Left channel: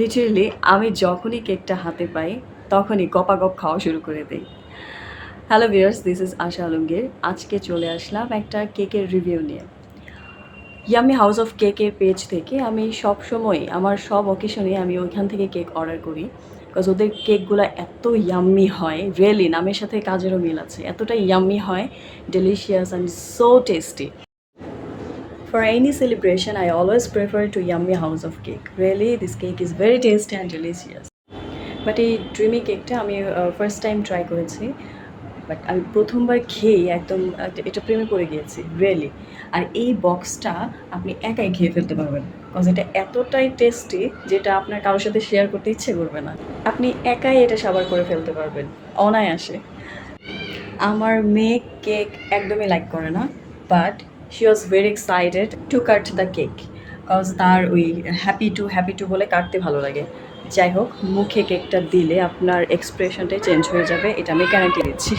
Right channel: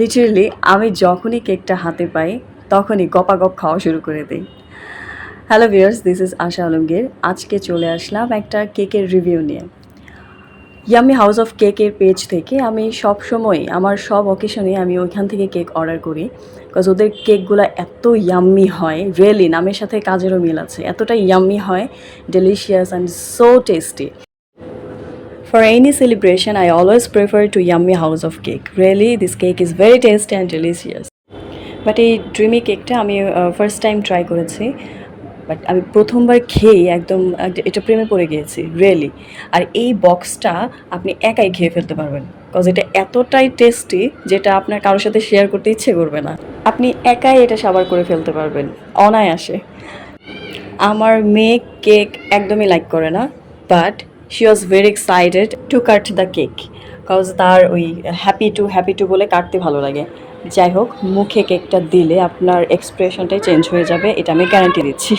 Literally আমি যখনই কেকটা হাতে পাই তখনই গপাগপ খাওয়া শুরু করে দিই। হ্যালো ভিউয়ার্স, দিস ইজ আশা আলমগীর। আজকে চলে আসলাম একটা কেকের রিভিউ নিয়ে। ইয়াম্মি হাউস অফ কেকের পেজ থেকে আমি সবসময় আমার সব অকেশনে আমি ওইখান থেকে কেক অর্ডার করি, বিকজ ওদের কেকগুলো এত ইয়াম্মি হয়। রিয়েলি নামের সাথে কাজেরও মিল আছে, এতটা ইয়াম্মি হয়, delicious and so tasty. For any celebration, I always prefer to Yummy House of Cake. Really, this cake is very tasty and delicious. But এই ড্রিমি কেকটা আমি ফার্স্ট টাইম ট্রাই করেছি, বাট আমি প্রথমবার খেয়ে একদম এটা প্রেমে পড়ে গিয়েছি রিয়েলি। আর এই বক্সটা আপনি একাই খেয়ে ফেলতে পারবেন, বিকজ এটা এতটাই টেস্টি যেটা আপনার কারোর সাথে শেয়ার করতে ইচ্ছে করবে না। আপনি একাই এটা সাবার করে ফেলতে পারবেন অনায়াসে। আমার মেয়ে কেক একদমই লাইক করে না, but she was very excited to cut the cake, because তার ওই হ্যাপি টু বলে কাটতে ভালো লাগে। যাই হোক, মুখে কেকটা দিলে আপনার এক্সপ্রেশনটাই চেঞ্জ হয়ে যাবে, এটা আমি গ্যারান্টি দিচ্ছি।